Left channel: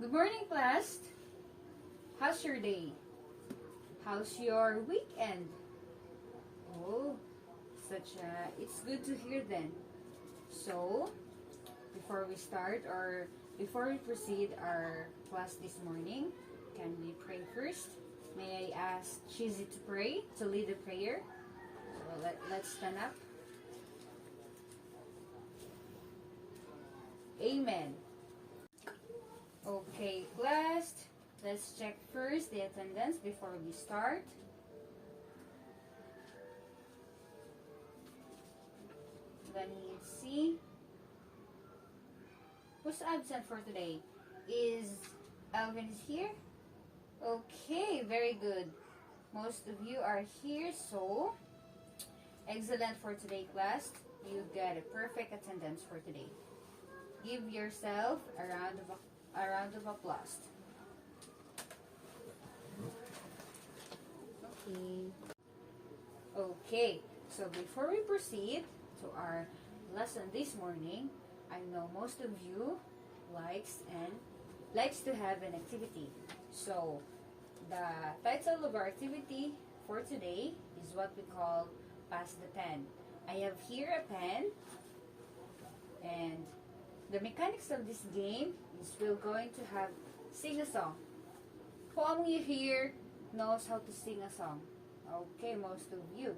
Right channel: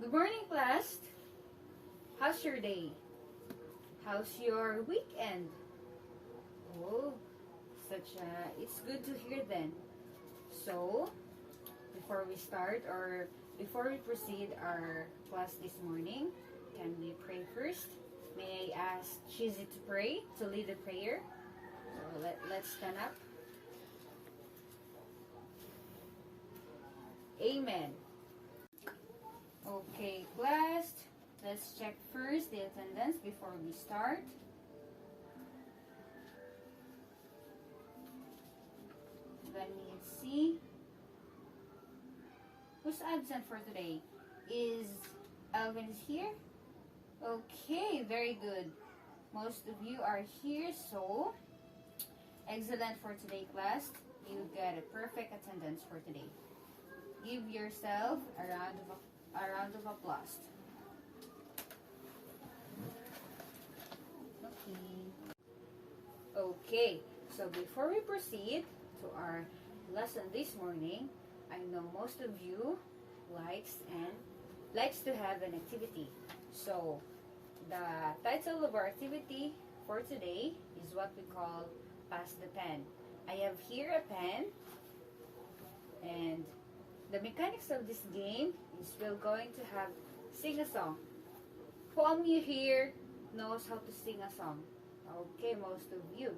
Good morning, class. How's your day? How's your weekend? Oh, it's good to hear then. So, before we start or before we proceed our class this morning, can we pray first? May I ask Shizzy to pray, to lead the prayer? So let's stand up. Amen. Okay, class, let's check first the attendance before we start. Let me see. Who's absent for today? Is Alvin here? Okay, very good. Most of you are here, so excellent for today, class. You got a perfect attendance for today. Give yourself a round of applause. Okay, so before we proceed to our lesson this morning, I know most of you likes to have an activity. So the title of our activity for today is what we call Pass the Pen. I have here a pen, and the mechanics of this game is we're going to have sing a song. Who among you here knows how to sing a song? Okay, most of you.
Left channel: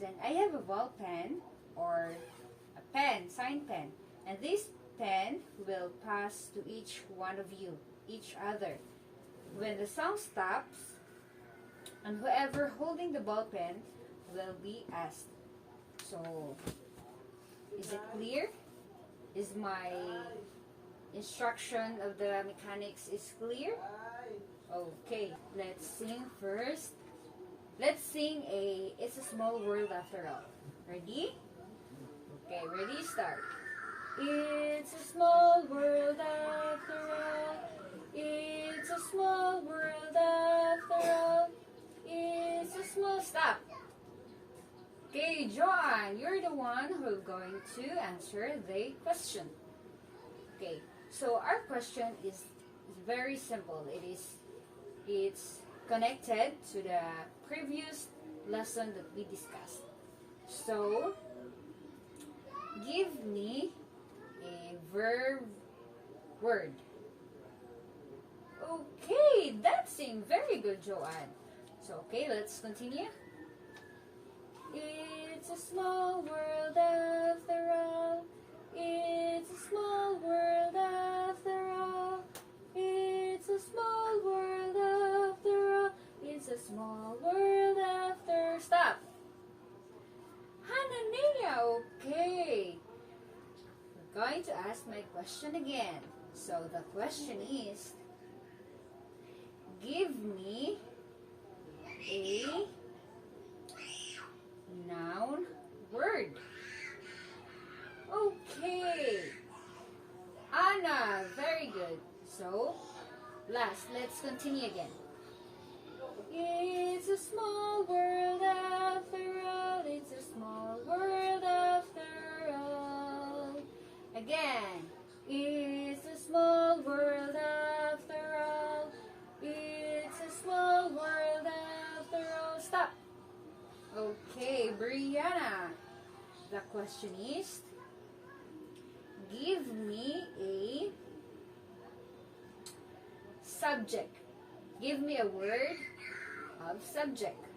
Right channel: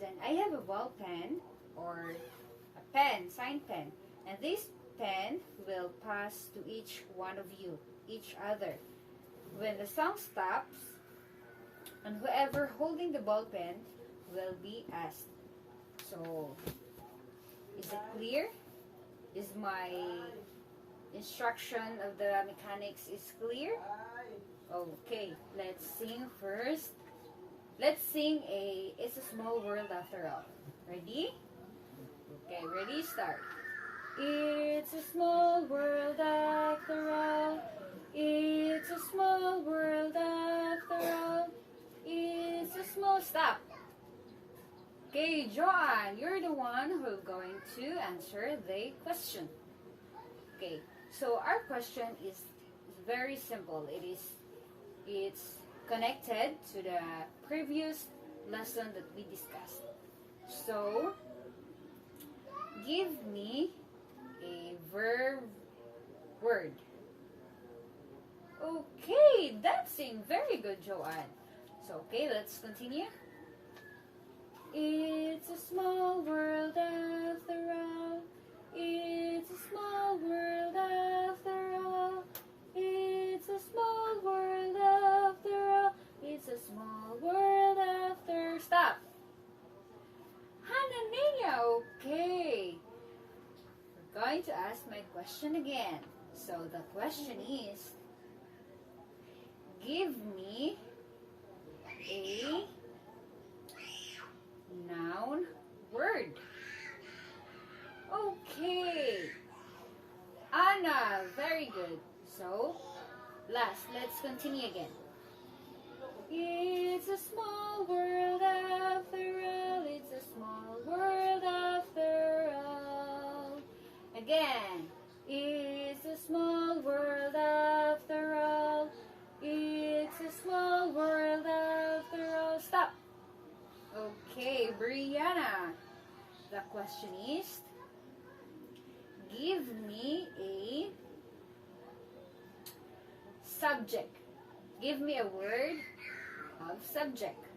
Then I have a ball pen or a pen, sign pen. And this pen will pass to each one of you, each other. When the song stops, and whoever holding the ball pen will be asked. So, is it clear? Is my instruction of the mechanics is clear? Okay, let's sing first. Let's sing It's a Small World After All. Ready? Okay, ready, start. It's a small world after all. It's a small world after all. It's a small... Stop! Okay, Joanne, you're the one who's going to answer the question. Okay, so our question is very simple. It's connected to the previous lesson that we discussed. So, give me a verb word. Okay, that seemed very good, Joanne. So, okay, let's continue. It's a small world after all. It's a small world after all. It's a small world after all. It's a small world after... Stop! Hanania, okay. We're going to ask my question again. So the question is, give me a noun word. Okay. Anna, very good. So, let's continue again. It's a small world after all. It's a small world after all. Again. It's a small world after all. It's a small world after all. Stop. Okay, Brianna. The question is, give me a subject. Give me a word of subject.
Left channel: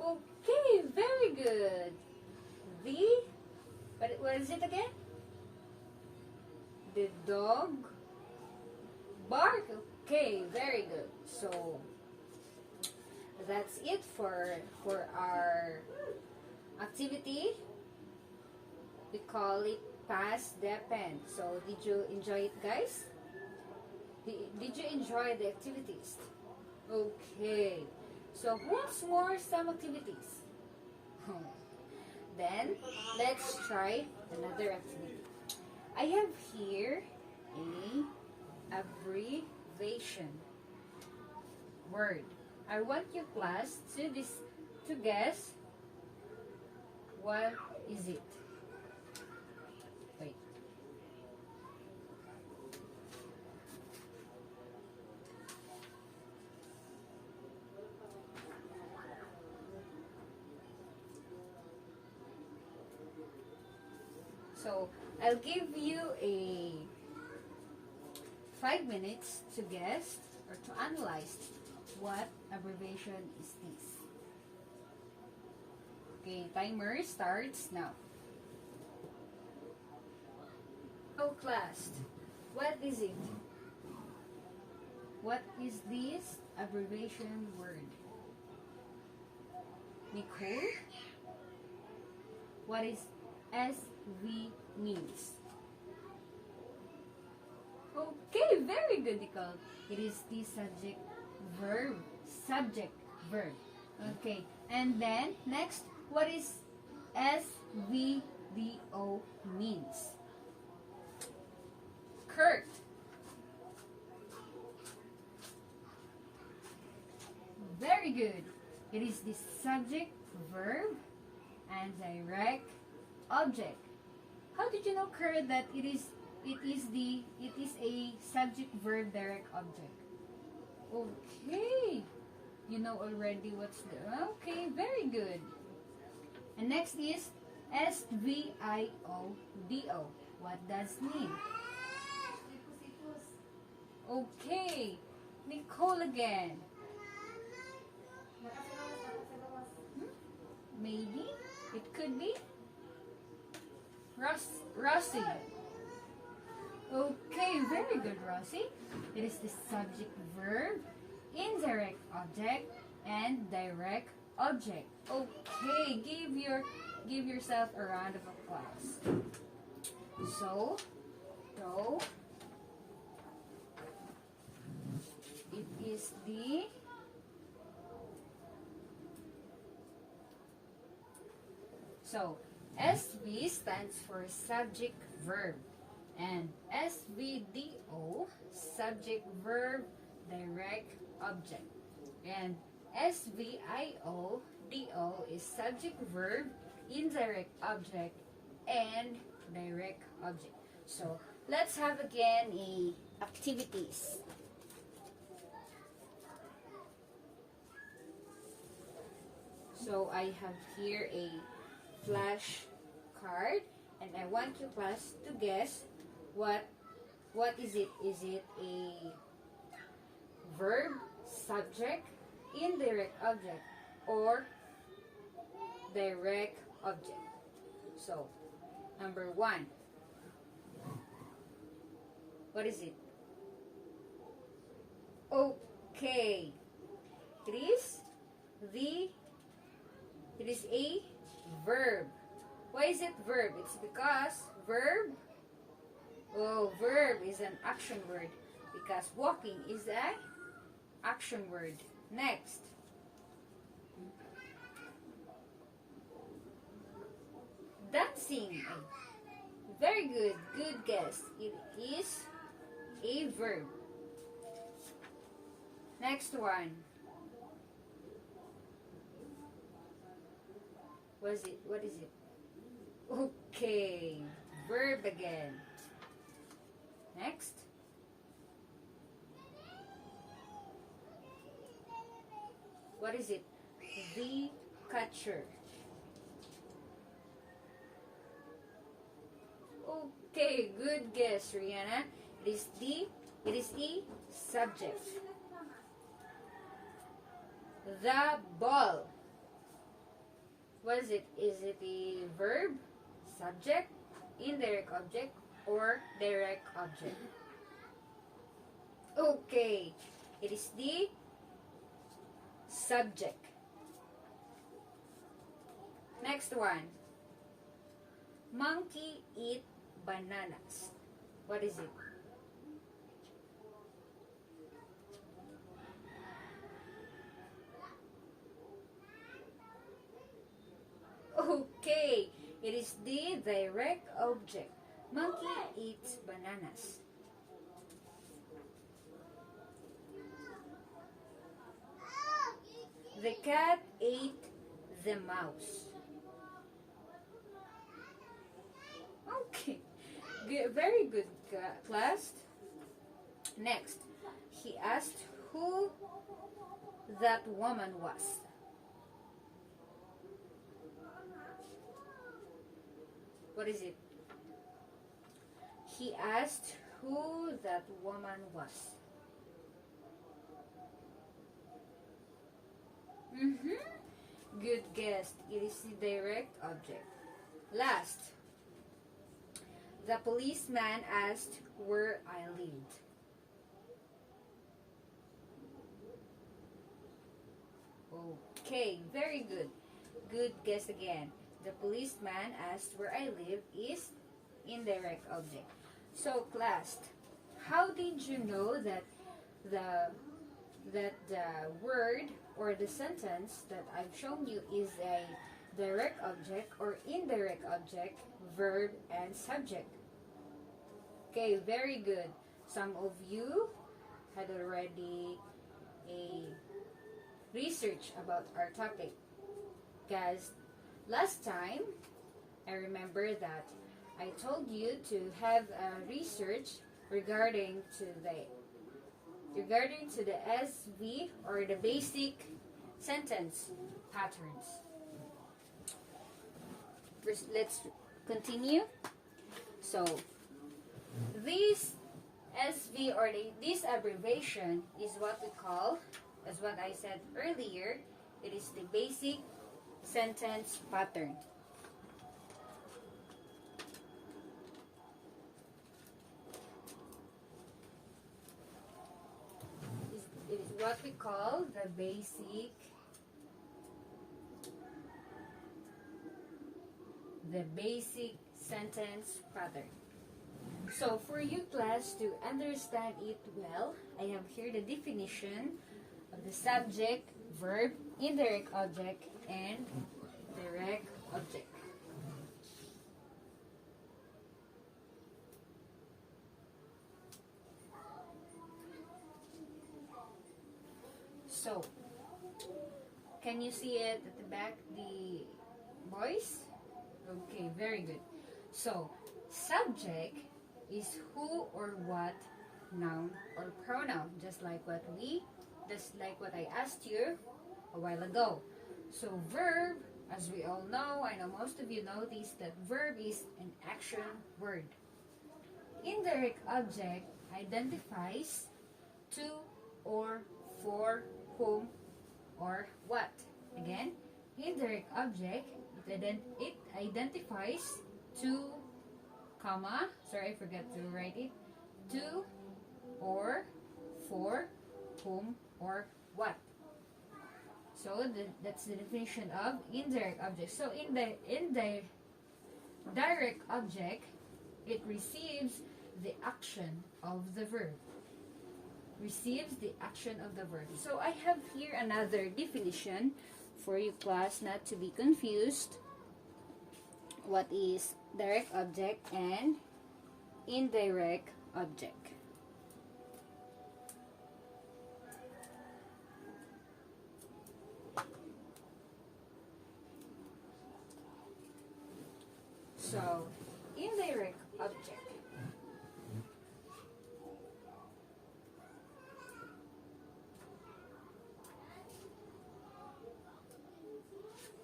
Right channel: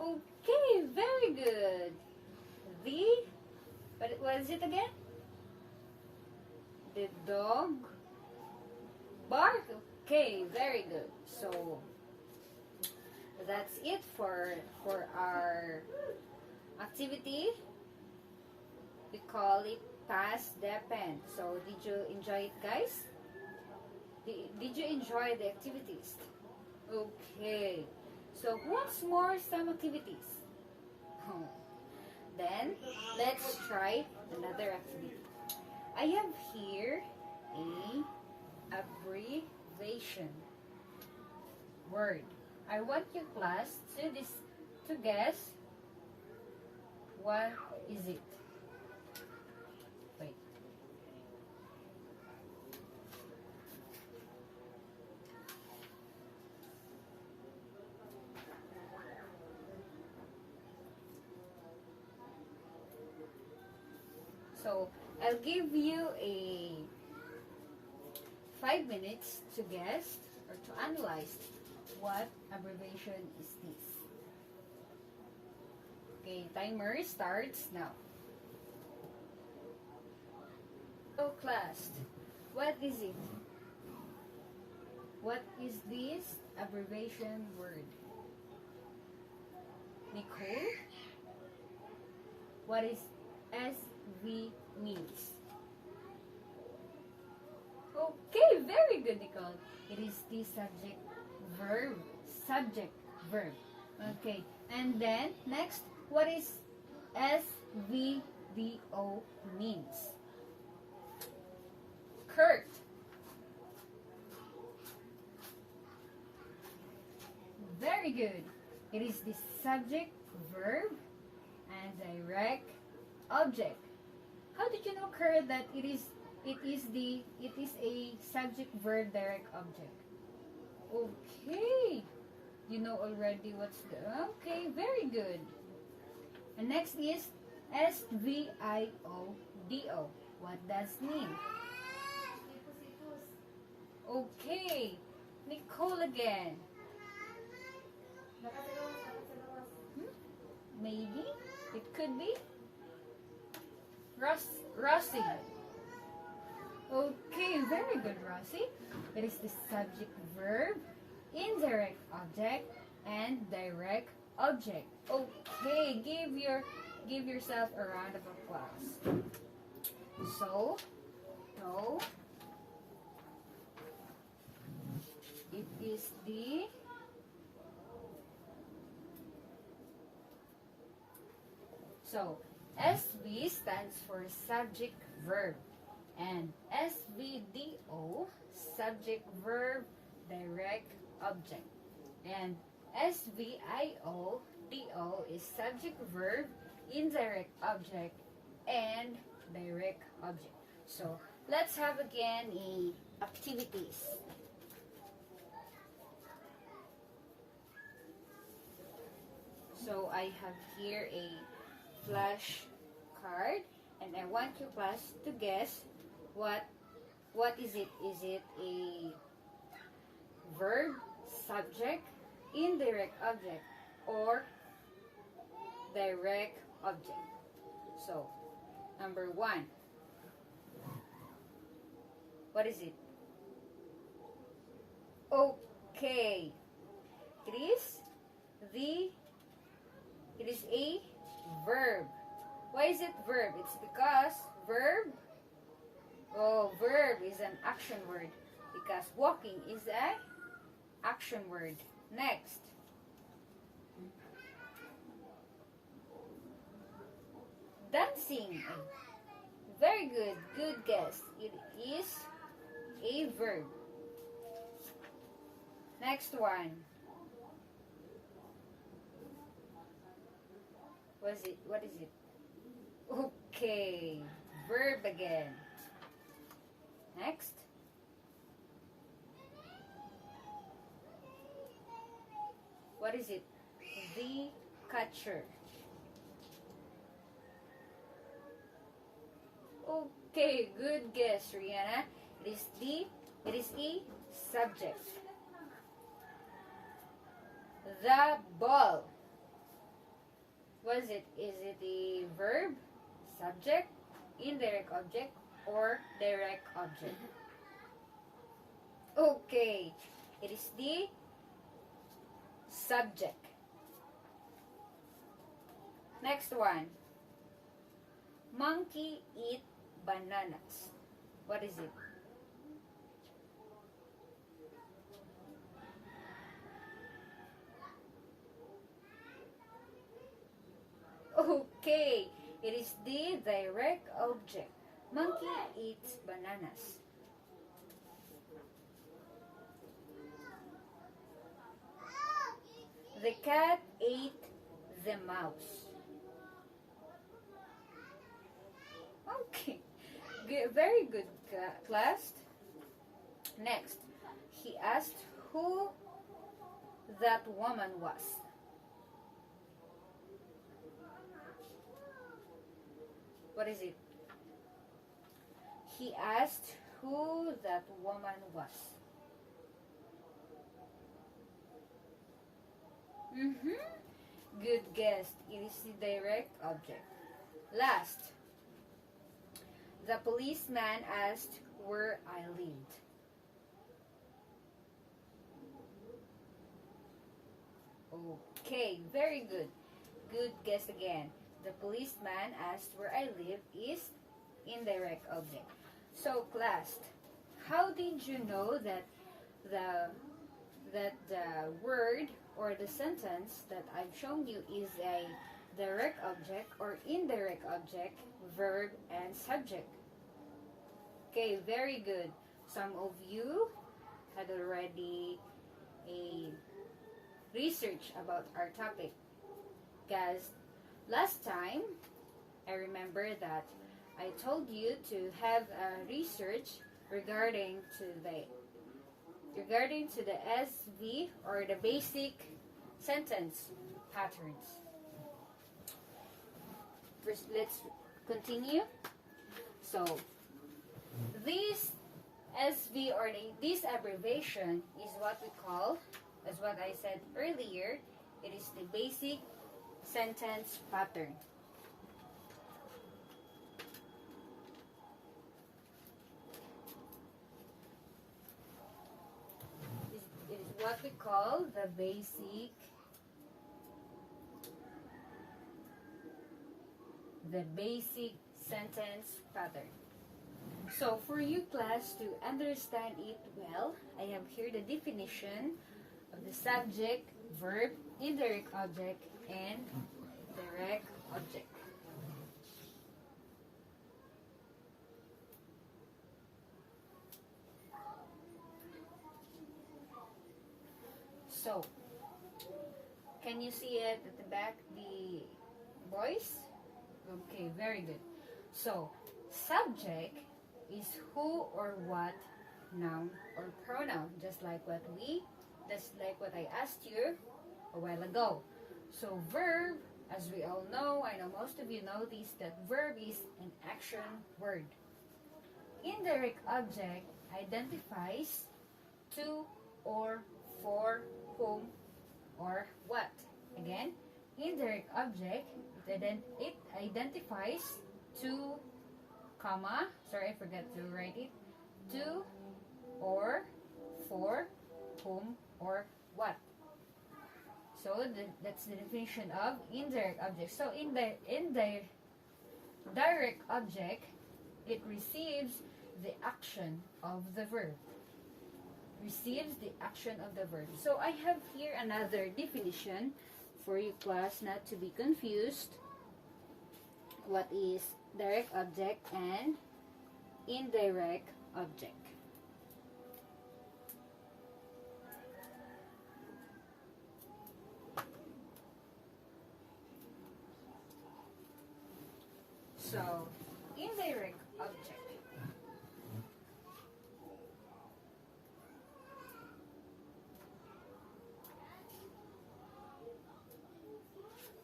Okay, very good. What is it again? The dog bark. Okay, very good. So that's it for our activity. We call it Pass the Pen. So did you enjoy it, guys? Did you enjoy the activities? Okay. So who wants more some activities? Then let's try another activity. I have here a abbreviation word. I want your class to guess what is it. Wait. So I'll give you a 5 minutes to guess or to analyze what abbreviation is this. Okay, timer starts now. So class, what is it? What is this abbreviation word? Nicole? What is SV means? Okay, very good, Nicole. It is the subject verb. Subject verb. Okay, and then next, what is SVDO means? Kurt. Very good. It is the subject verb and direct object. How did you know, Kurt, that it is a subject verb direct object? Okay. You know already what's the okay, very good. And next is SVIODO. What does it mean? Okay. Nicole again. Maybe it could be Rossi. Okay, very good, Rossi. It is the subject verb, indirect object, and direct object. Okay, give yourself a round of applause. So it is the SV stands for subject verb, and SVDO subject verb direct object, and SVIODO is subject verb indirect object and direct object. So let's have again activities. So I have here a flash card, and I want you class to guess what is it? Is it a verb, subject, indirect object, or direct object? So number 1, what is it? Okay, it is a verb. Why is it verb? It's because verb is an action word, because walking is an action word. Next, dancing. Very good, good guess. It is a verb. Next one. What is it? Okay, verb again. Next. What is it? The catcher. Okay, good guess, Rihanna. It is a subject. The ball. What is it? Is it a verb, subject, indirect object, or direct object? Okay, it is the subject. Next one. Monkey eat bananas. What is it? Okay, it is the direct object. Monkey eats bananas. The cat ate the mouse. Okay, good, very good, class. Next, he asked who that woman was. What is it? He asked who that woman was. Good guess. It is the direct object. Last, the policeman asked where I lived. Okay, very good. Good guess again. The policeman asked where I live is indirect object. So class, how did you know that the word or the sentence that I've shown you is a direct object or indirect object, verb, and subject? Okay, very good. Some of you had already a research about our topic. Guys, last time, I remember that I told you to have a research regarding to the SV or the basic sentence patterns. First, let's continue. So, this SV or this abbreviation is what we call, as what I said earlier, it is the basic sentence pattern. It is what we call the basic sentence pattern. So for you class to understand it well, I have here the definition of the subject, verb, indirect object, and direct object. So, can you see it at the back, the boys? Okay, very good. So, subject is who or what, noun or pronoun, just like what I asked you a while ago. So, verb, as we all know, I know most of you know this, that verb is an action word. Indirect object identifies to or for whom or what. Again, indirect object, it identifies to, comma, sorry, I forgot to write it, to or for whom or what. So that's the definition of indirect object. So in the direct object, it receives the action of the verb. Receives the action of the verb. So I have here another definition for you class not to be confused. What is direct object and indirect object? So, indirect object.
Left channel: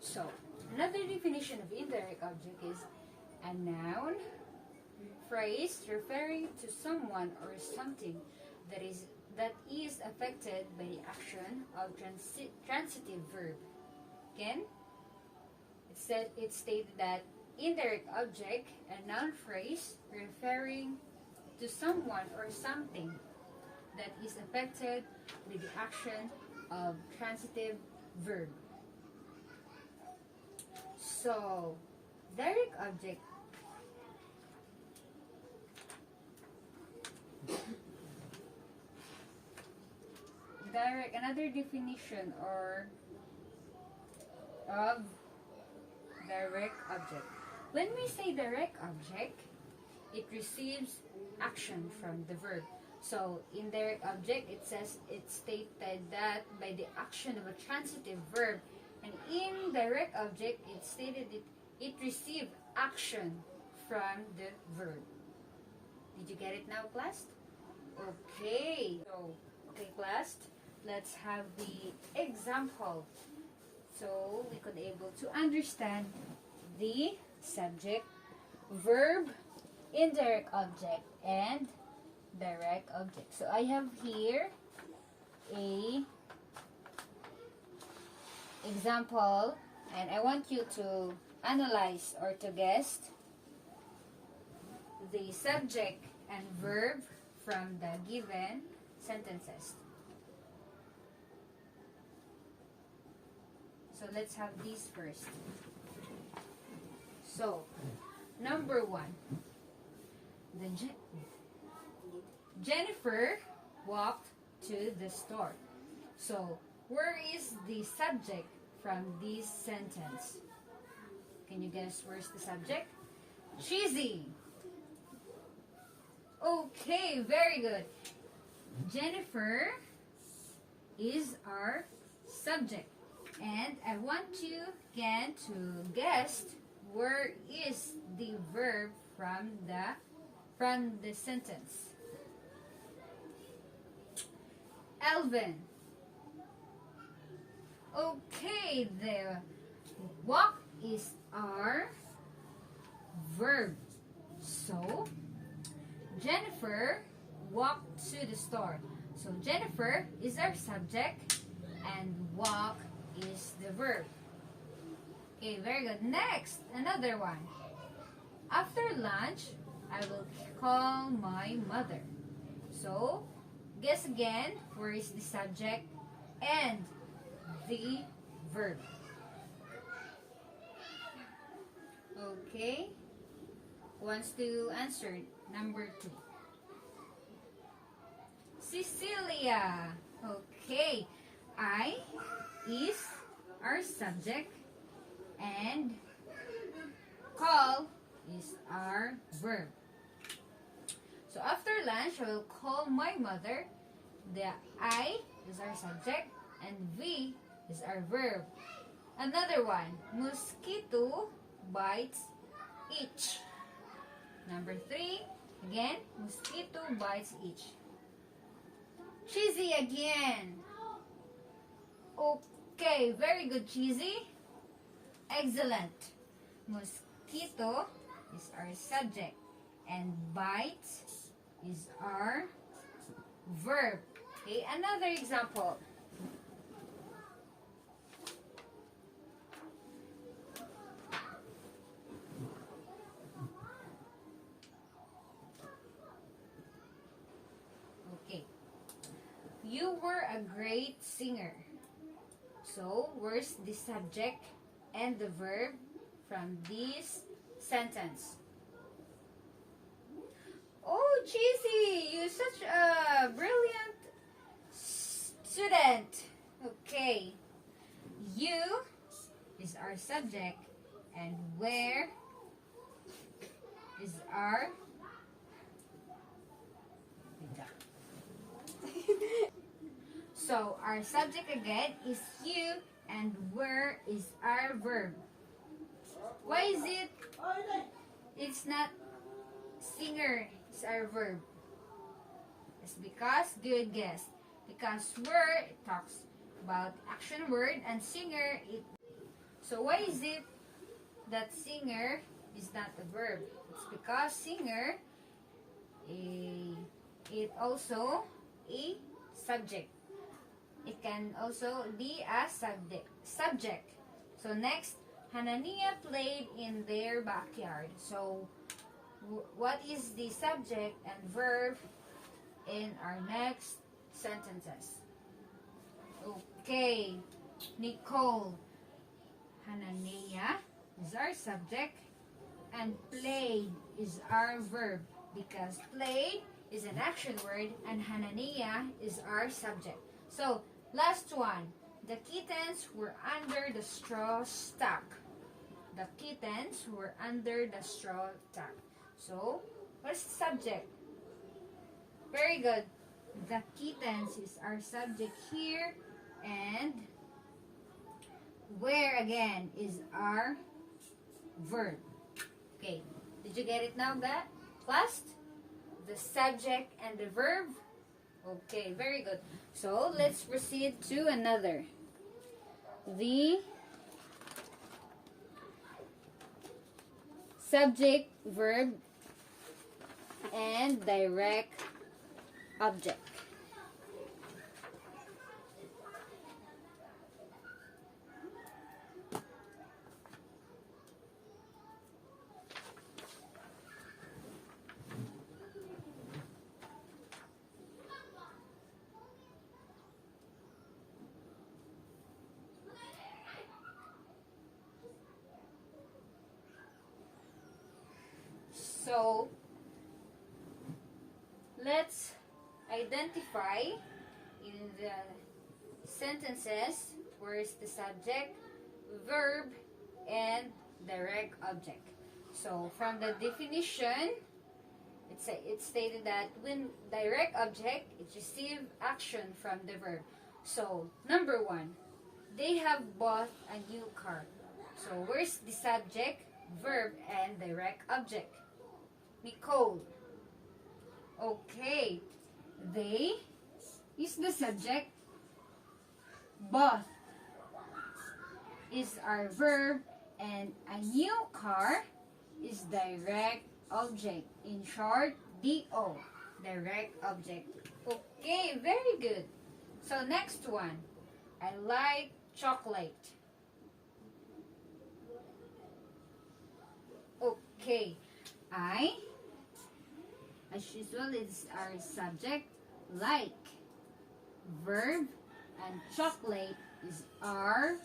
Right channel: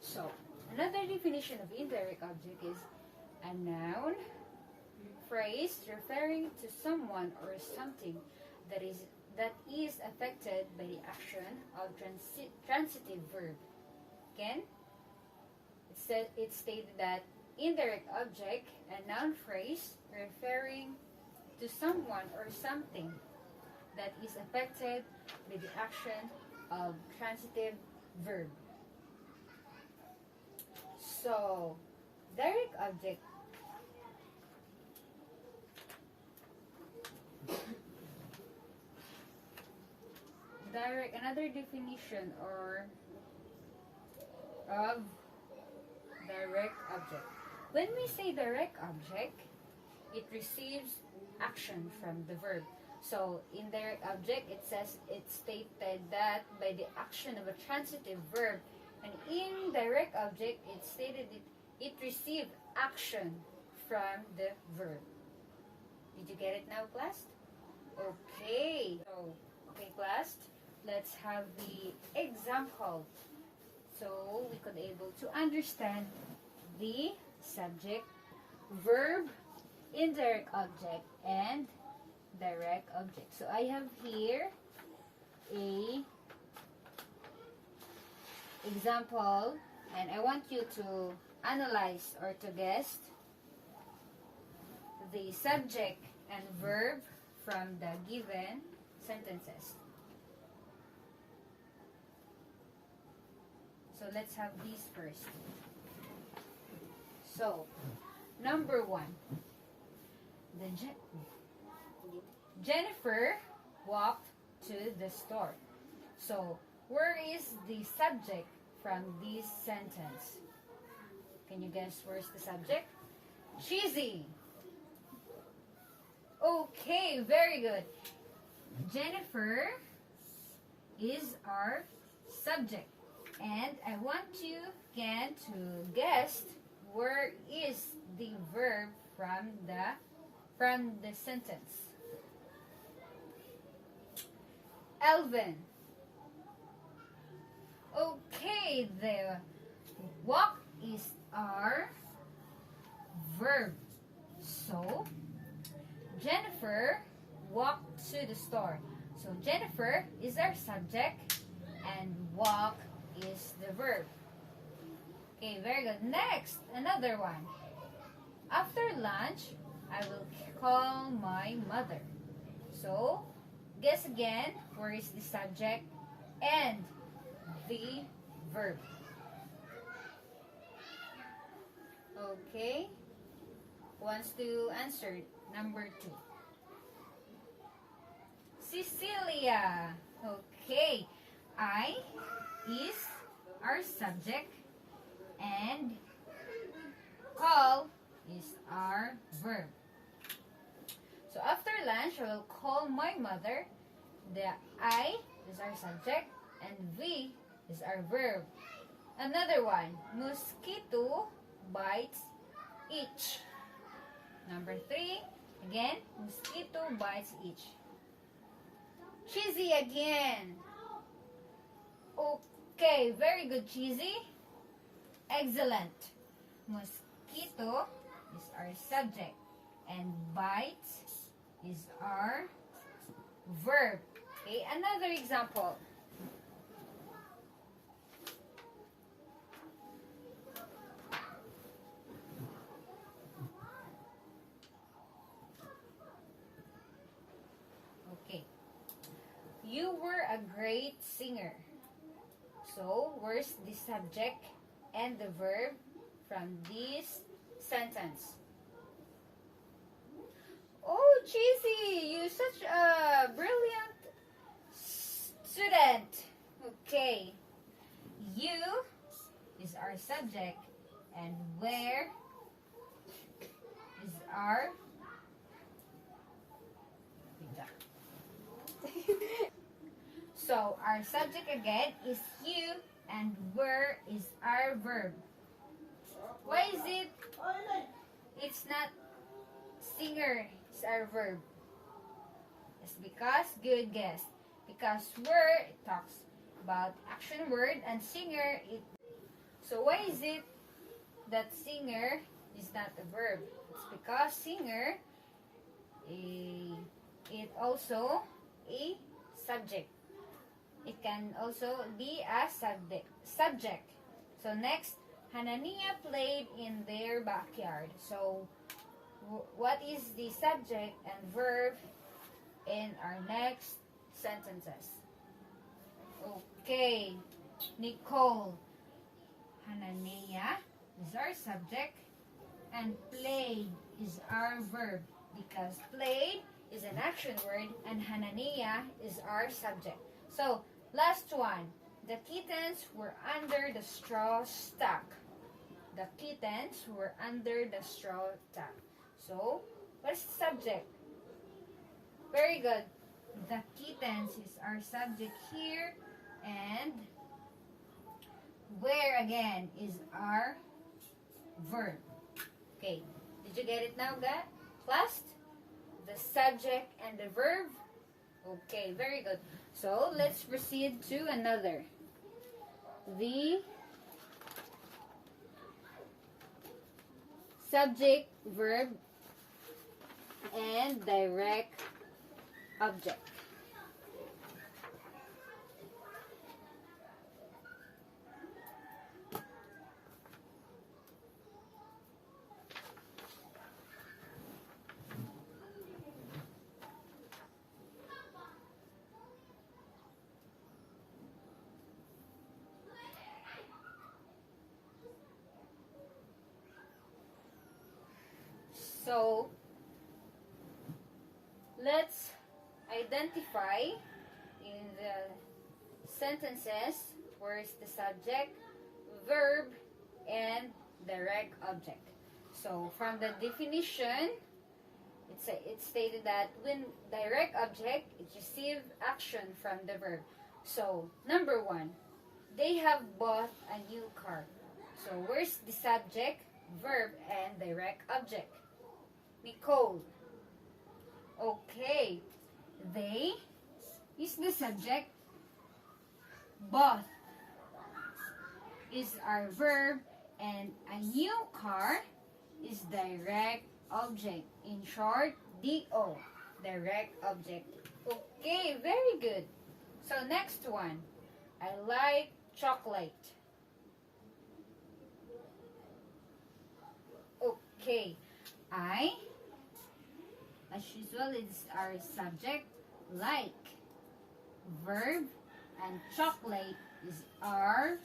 So, another definition of indirect object is a noun, phrase referring to someone or something that is affected by the action of transitive verb. Again, it stated that indirect object, a noun phrase referring to someone or something that is affected by the action of transitive verb. So, direct object another definition or of direct object. When we say direct object, it receives action from the verb. So in direct object, it stated that by the action of a transitive verb, and in direct object, it stated it received action from the verb. Did you get it now, class? Okay. So, okay, class, let's have the example so we could able to understand the subject, verb, indirect object and direct object. So I have here a example, and I want you to analyze or to guess the subject and verb from the given sentences. So let's have these first. So, number 1. Jennifer walked to the store. So, where is the subject from this sentence? Can you guess where's the subject? Cheesy. Okay, very good. Jennifer is our subject. And I want you again to guess where is the verb from the sentence. Elvin. Okay, the walk is our verb. So, Jennifer walked to the store. So, Jennifer is our subject and walk is the verb. Okay, very good. Next, another one. After lunch, I will call my mother. So, guess again, where is the subject and the verb? Okay. Who wants to answer? Number 2. Cecilia. Okay. I is our subject and call is our verb. So after lunch, I will call my mother. The I is our subject and we is our verb. Another one, mosquito bites each. Number 3, again, mosquito bites each. Cheesy again. Okay, very good, Cheesy. Excellent. Mosquito is our subject and bites is our verb. Okay, another example. Okay. You were a great singer. So, where's the subject and the verb from this sentence? Oh, Cheesy, you're such a brilliant student. Okay. You is our subject and where is our So, our subject again is you and where is our verb. Why is it? It's not singer, it's our verb. It's because, good guess. Because where it talks about action word and singer, so why is it that singer is not a verb? It's because singer, it also a subject. It can also be a subject. So next, Hanania played in their backyard. So what is the subject and verb in our next sentences? Okay, Nicole. Hanania is our subject and played is our verb because played is an action word and Hanania is our subject. So, last one. The kittens were under the straw stack. The kittens were under the straw stack. So, what's the subject? Very good. The kittens is our subject here. And where again is our verb. Okay. Did you get it now, class? The subject and the verb. Okay, very good. So, let's proceed to another. The subject, verb, and direct object. So, let's identify in the sentences where is the subject, verb, and direct object. So, from the definition, it's stated that when direct object, it receives action from the verb. So, number one, they have bought a new car. So, where's the subject, verb, and direct object? Nicole. Okay. They is the subject. Bought is our verb. And a new car is direct object. In short, DO. Direct object. Okay, very good. So next one. I like chocolate. Okay. I, as usual, is our subject, like. Verb, and chocolate is our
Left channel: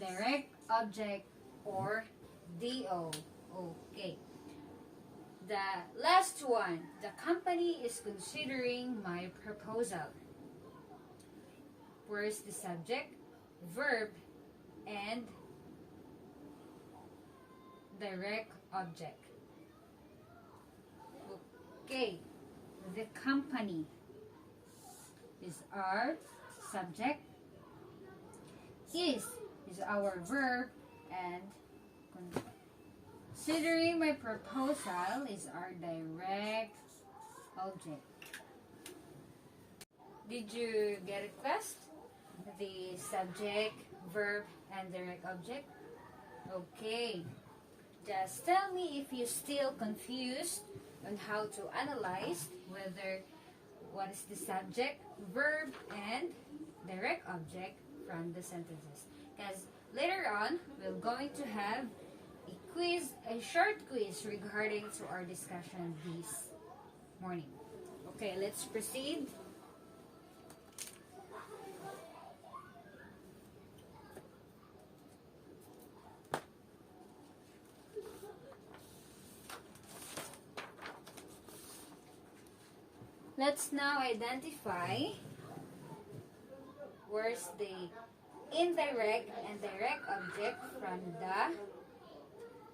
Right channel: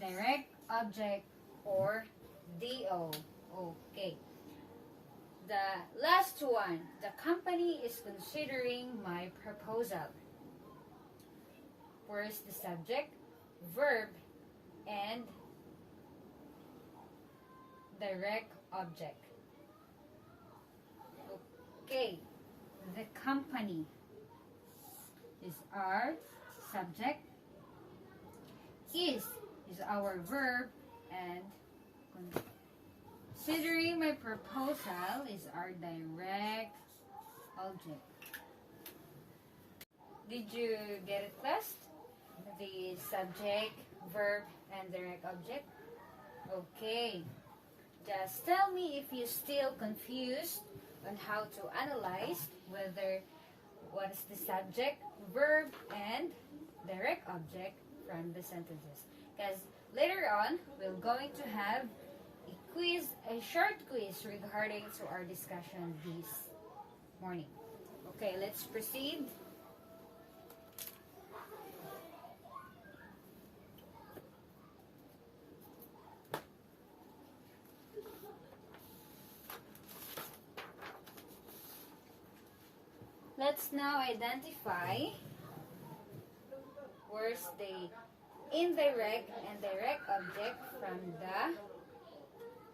direct object or DO. Okay. The last one, the company is considering my proposal. Where is the subject, verb, and direct object? Okay, the company is our subject, is our verb, and considering my proposal is our direct object. Did you get it, class? The subject, verb, and direct object? Okay. Just tell me if you're still confused on how to analyze whether what is the subject, verb, and direct object from the sentences. Because later on, we're going to have a quiz, a short quiz regarding to our discussion this morning. Okay, let's proceed. Let's now identify where's the indirect and direct object from the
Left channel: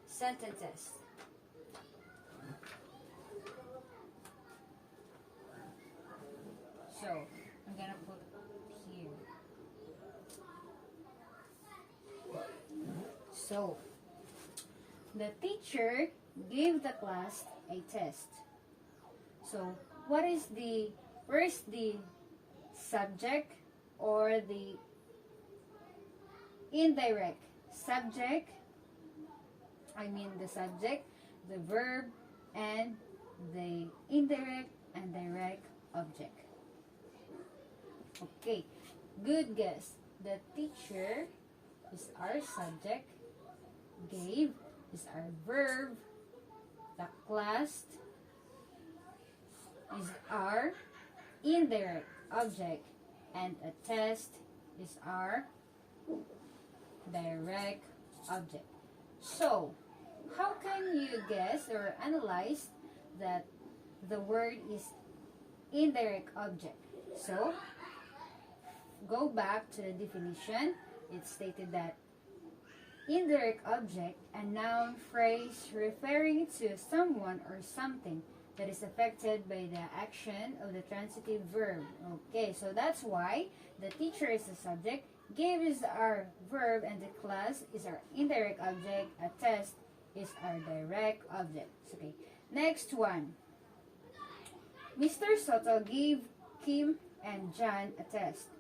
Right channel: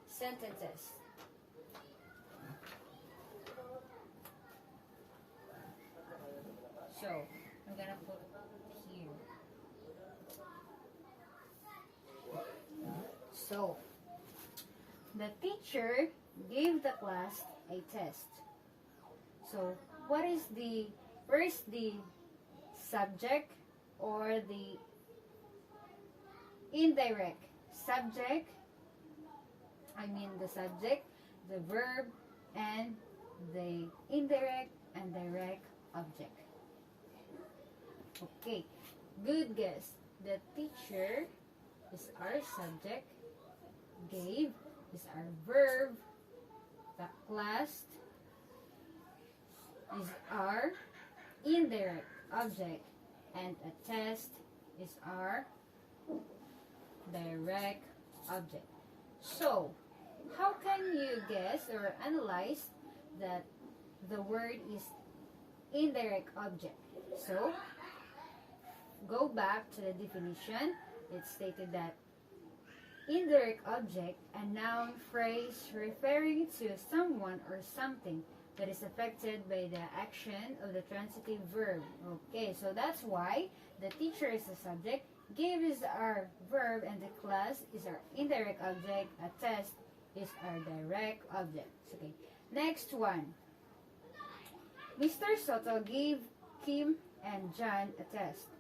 sentences. So, I'm gonna put here. So, the teacher gave the class a test. So, where is the subject or the indirect? Subject, the subject, the verb, and the indirect and direct object. Okay, good guess. The teacher is our subject, gave is our verb, the class is our indirect object, and a test is our direct object. So, how can you guess or analyze that the word is indirect object? So, go back to the definition. It stated that indirect object, a noun phrase referring to someone or something that is affected by the action of the transitive verb. Okay, so that's why the teacher is the subject, gave is our verb, and the class is our indirect object, a test is our direct object. Okay, next one. Mr. Soto gave Kim and John a test.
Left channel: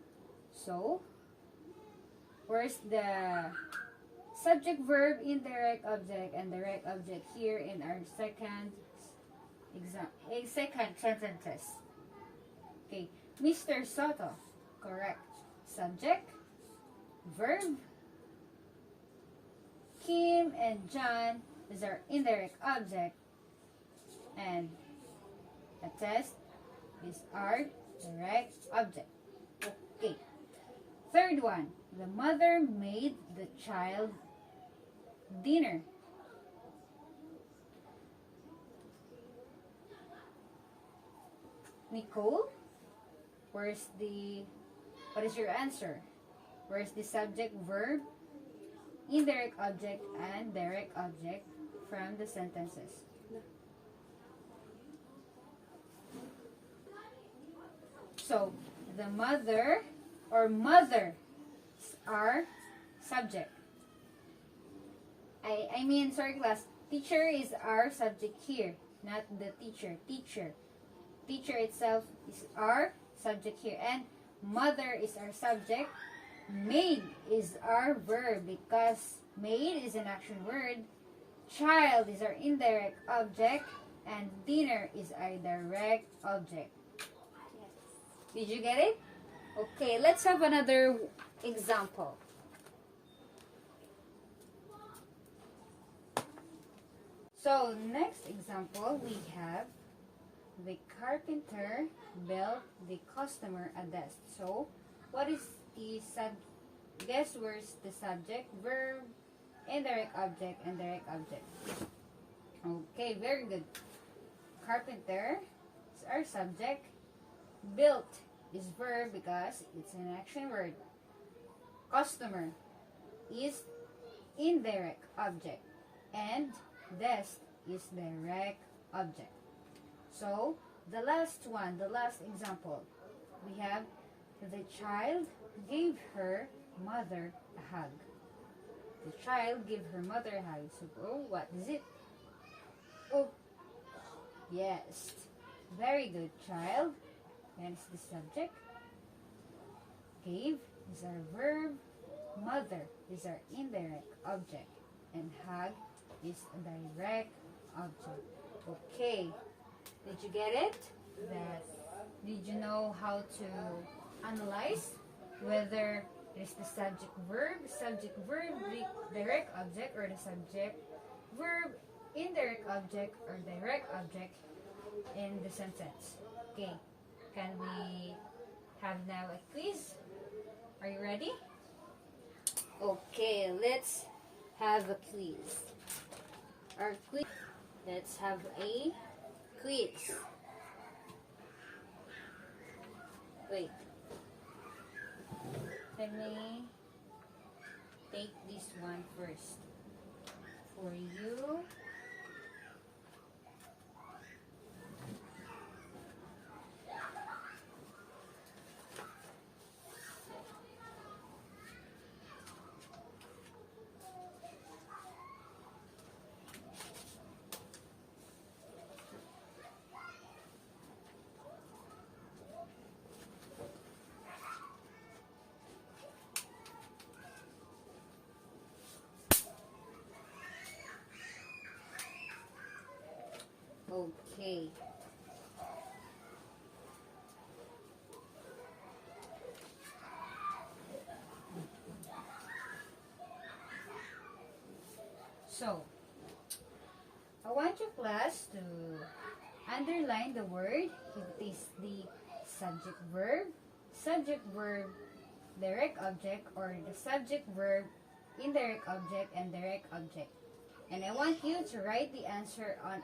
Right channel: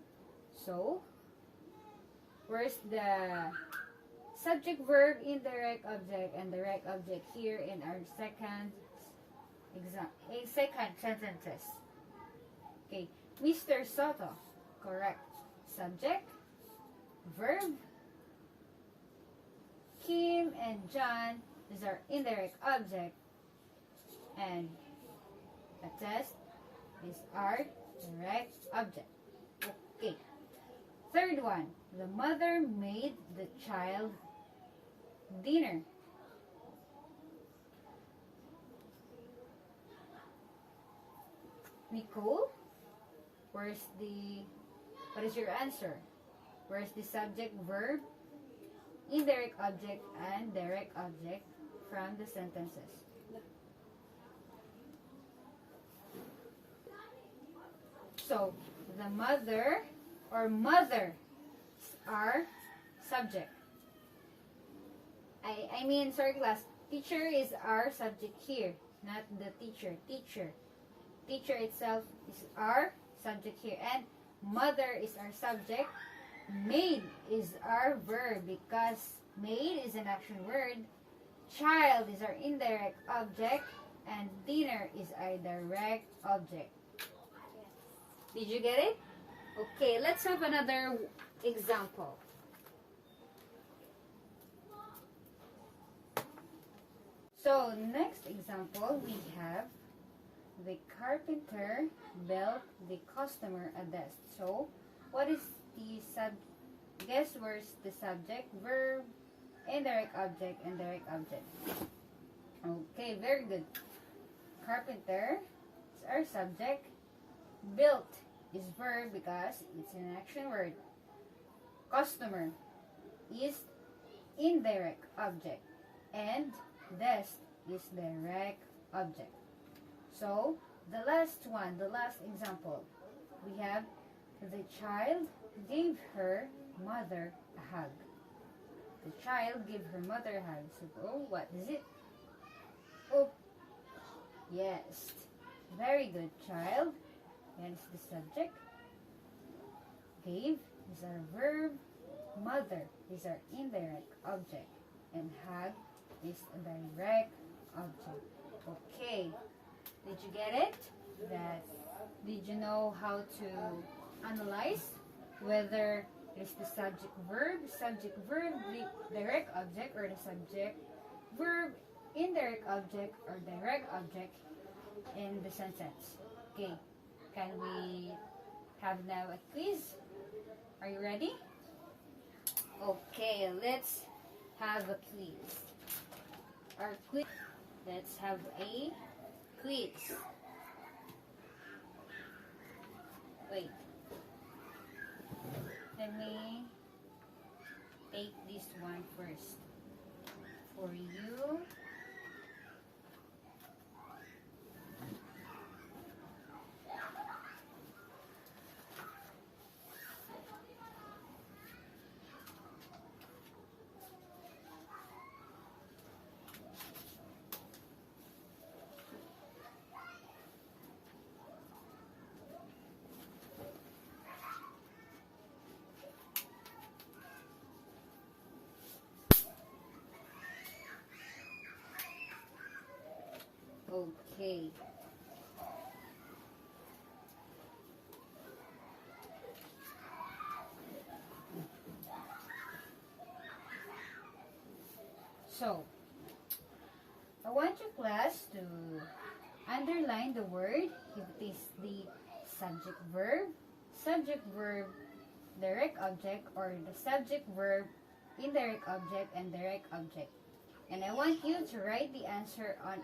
So, where's the subject, verb, indirect object, and direct object here in our second second sentences. Okay, Mr. Soto, correct. Subject, verb. Kim and John is our indirect object, and a test is our direct object. Okay. Third one, the mother made the child dinner. Nicole, what is your answer? Where's the subject, verb, indirect object, and direct object from the sentences? So, the mother or mothers are subject. I mean, sorry class, teacher is our subject here, not the teacher. Teacher itself is our subject here, and mother is our subject. Maid is our verb because maid is an action word. Child is our indirect object, and dinner is our direct object. Did you get it? Okay, let's have another example. So, next example, we have the carpenter built the customer a desk. So, what is the guess where's the subject, verb, indirect object, and direct object? Okay, very good. Carpenter is our subject. Built is verb because it's an action word. Customer is indirect object, and desk is direct object. So, the last example, we have the child gave her mother a hug. The child gave her mother a hug. So, oh, what is it? Oh, yes. Very good, child. And it's the subject. Gave is our verb. Mother is our indirect object. And hug is a direct object. Okay. Did you get it? Did you know how to analyze whether it's the subject verb, the direct object, or the subject verb, indirect object, or direct object in the sentence? Okay. Can we have now a quiz? Are you ready? Okay, let's have a quiz. Let's have a quiz. Wait. Let me take this one first. For you. Okay. So, I want your class to underline the word if it is the subject verb, direct object, or the subject verb, indirect object, and direct object. And I want you to write the answer on it.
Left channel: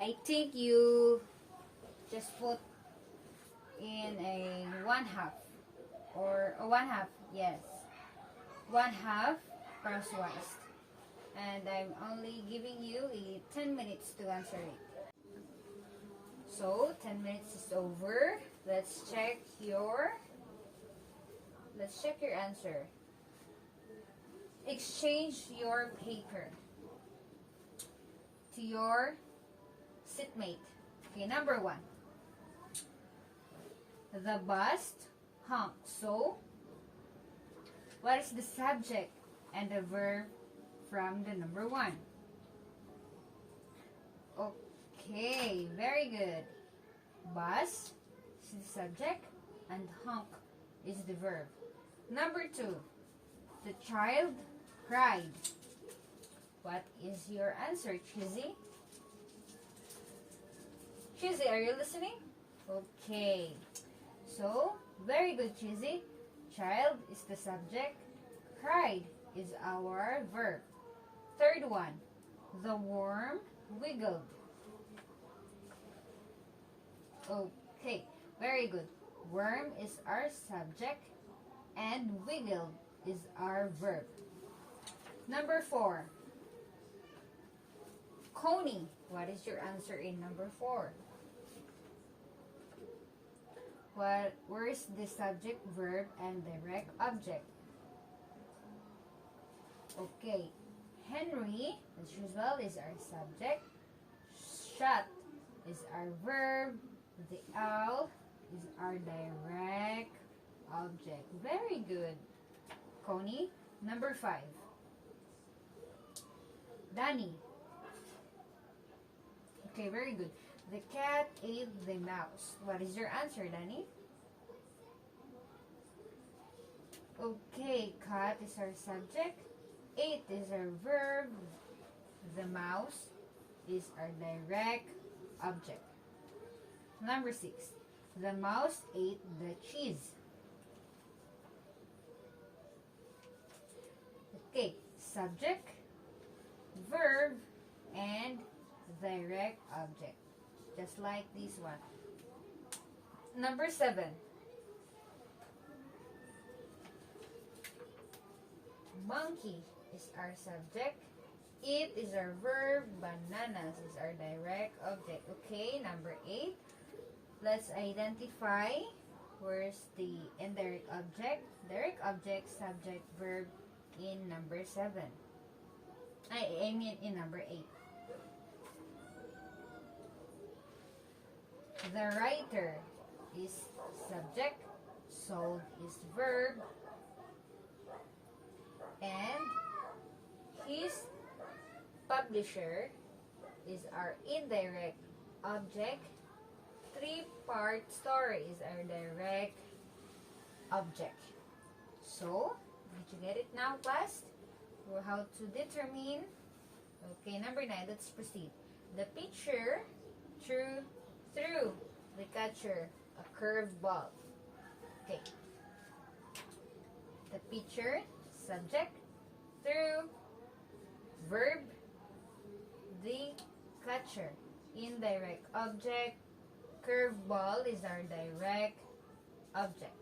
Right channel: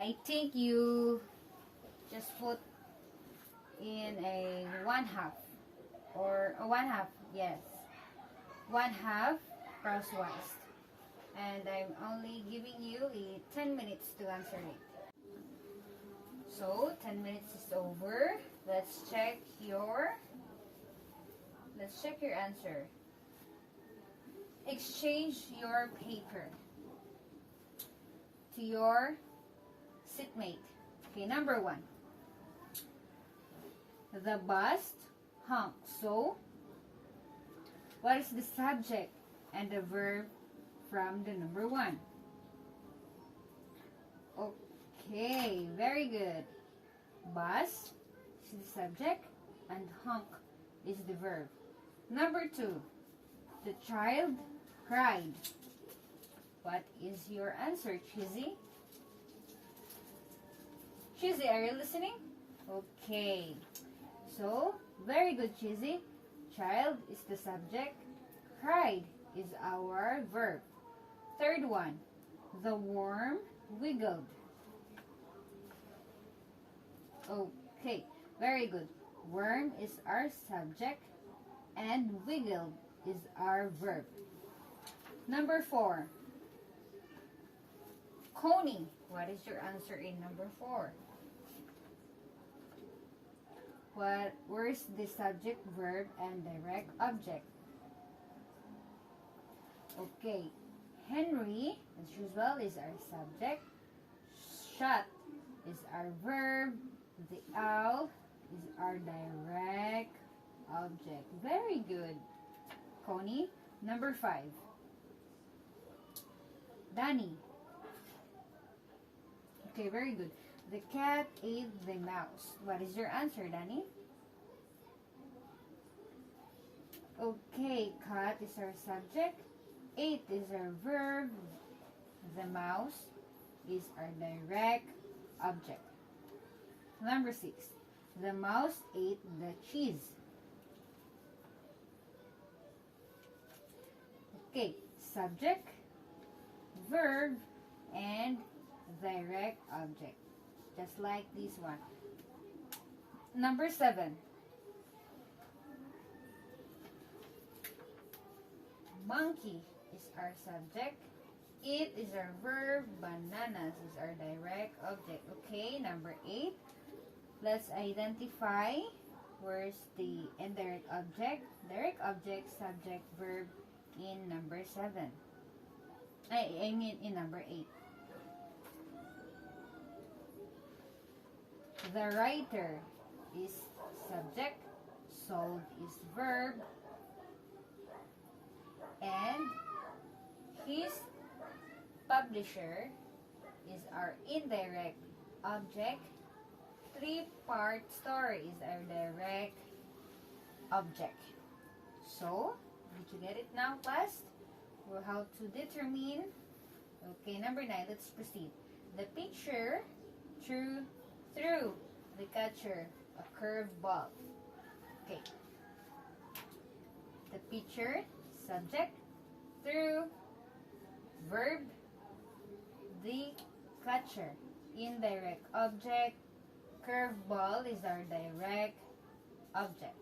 I think you just put in a 1/2 or a 1/2, yes. 1/2 crosswise. And I'm only giving you 10 minutes to answer it. So 10 minutes is over. Let's check your answer. Exchange your paper to your seatmate. Okay, number 1. The bus honks. So, what is the subject and the verb from the number 1? Okay, very good. Bus is the subject and honk is the verb. Number 2, the child cried. What is your answer, Chizzy? Chizzy, are you listening? Okay. So, very good, Chizzy. Child is the subject. Cried is our verb. Third one, the worm wiggled. Okay, very good. Worm is our subject and wiggled is our verb. Number 4, Coney. What is your answer in number 4? Where's the subject, verb, and direct object? Okay, Henry, as usual, is our subject. Shut is our verb. The owl is our direct object. Very good, Coney. Number 5, Danny. Okay, very good. The cat ate the mouse. What is your answer, Danny? Okay, cat is our subject. Ate is our verb. The mouse is our direct object. Number 6, the mouse ate the cheese. Okay, subject, verb, and direct object. Just like this one. Number 7, monkey is our subject. Eat is our verb. Bananas is our direct object. Okay, number 8. Let's identify where's the indirect object. Direct object, subject, verb in number 7. I mean in number 8. The writer is subject, sold is verb, and his publisher is our indirect object. 3-part story is our direct object. So, did you get it now, class? Or how to determine? Okay, number 9, let's proceed. The pitcher threw the catcher a curved ball. Okay. The pitcher, subject, threw, verb, the catcher, indirect object, curved ball is our direct object.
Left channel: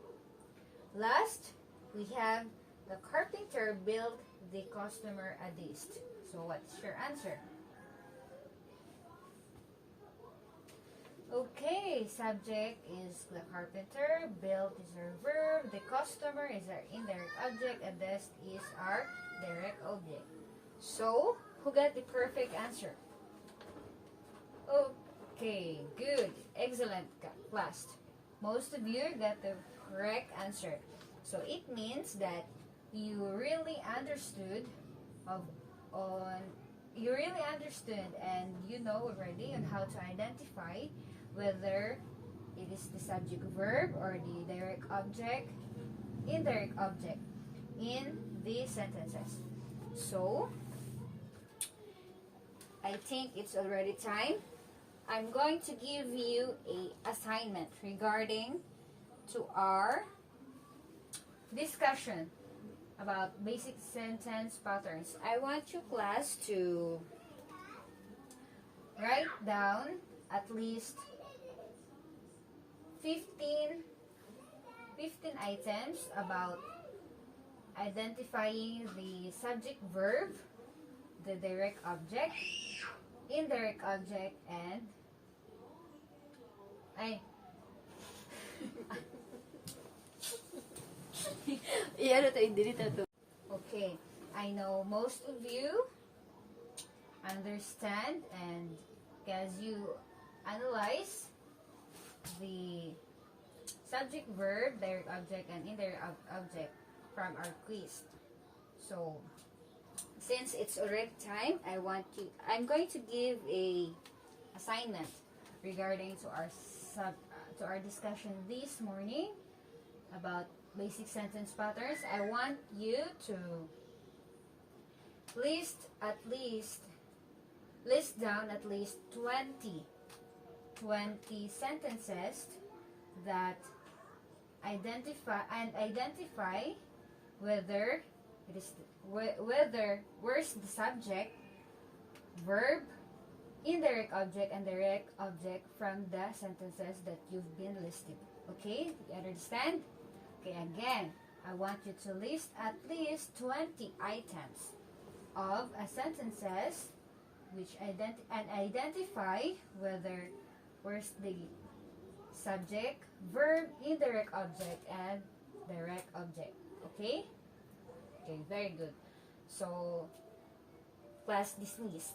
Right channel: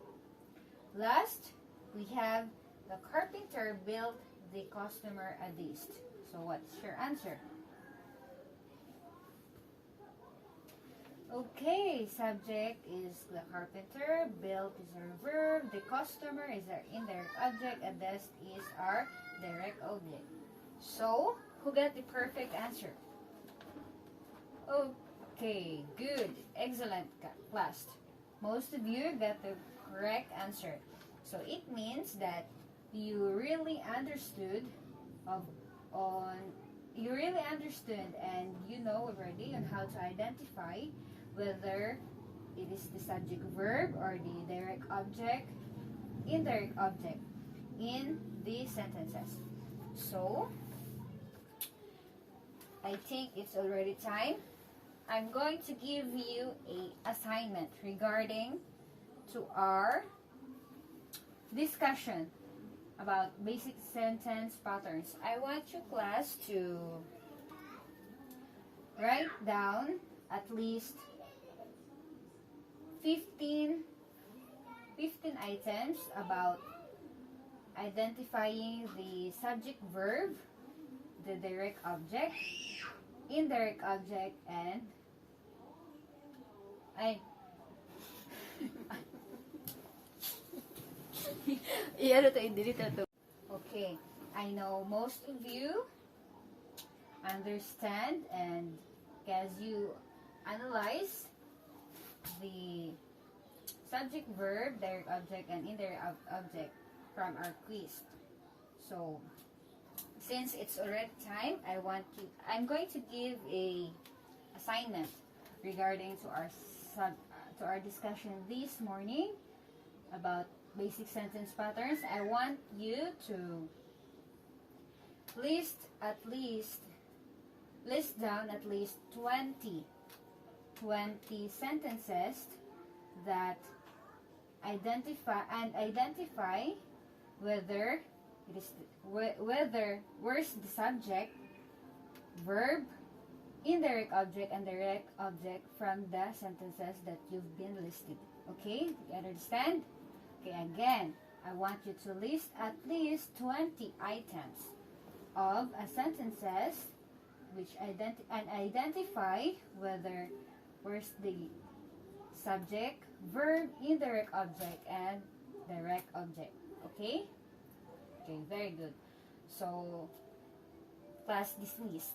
Last, we have the carpenter built the customer a desk. So what's your answer? Okay, subject is the carpenter, built is our verb, the customer is our indirect object, and desk is our direct object. So, who got the perfect answer? Okay, good, excellent class. Most of you got the correct answer. So it means that you really understood and you know already on how to identify whether it is the subject verb or the direct object, indirect object in the sentences. So, I think it's already time. I'm going to give you a assignment regarding to our discussion about basic sentence patterns. I want you class to write down at least 15 items about identifying the subject verb, the direct object, indirect object, and okay, I know most of you understand and as you analyze the subject, verb, direct object, and indirect object from our quiz. So, since it's already time, I'm going to give a assignment regarding to our to our discussion this morning about basic sentence patterns. I want you to list down at least 20 sentences that identify whether it is where's the subject, verb, indirect object, and direct object from the sentences that you've been listing. Okay, you understand? Okay, again, I want you to list at least 20 items of sentences which identify whether where's the subject, verb, indirect object, and direct object. Okay? Okay, very good. So, class dismissed.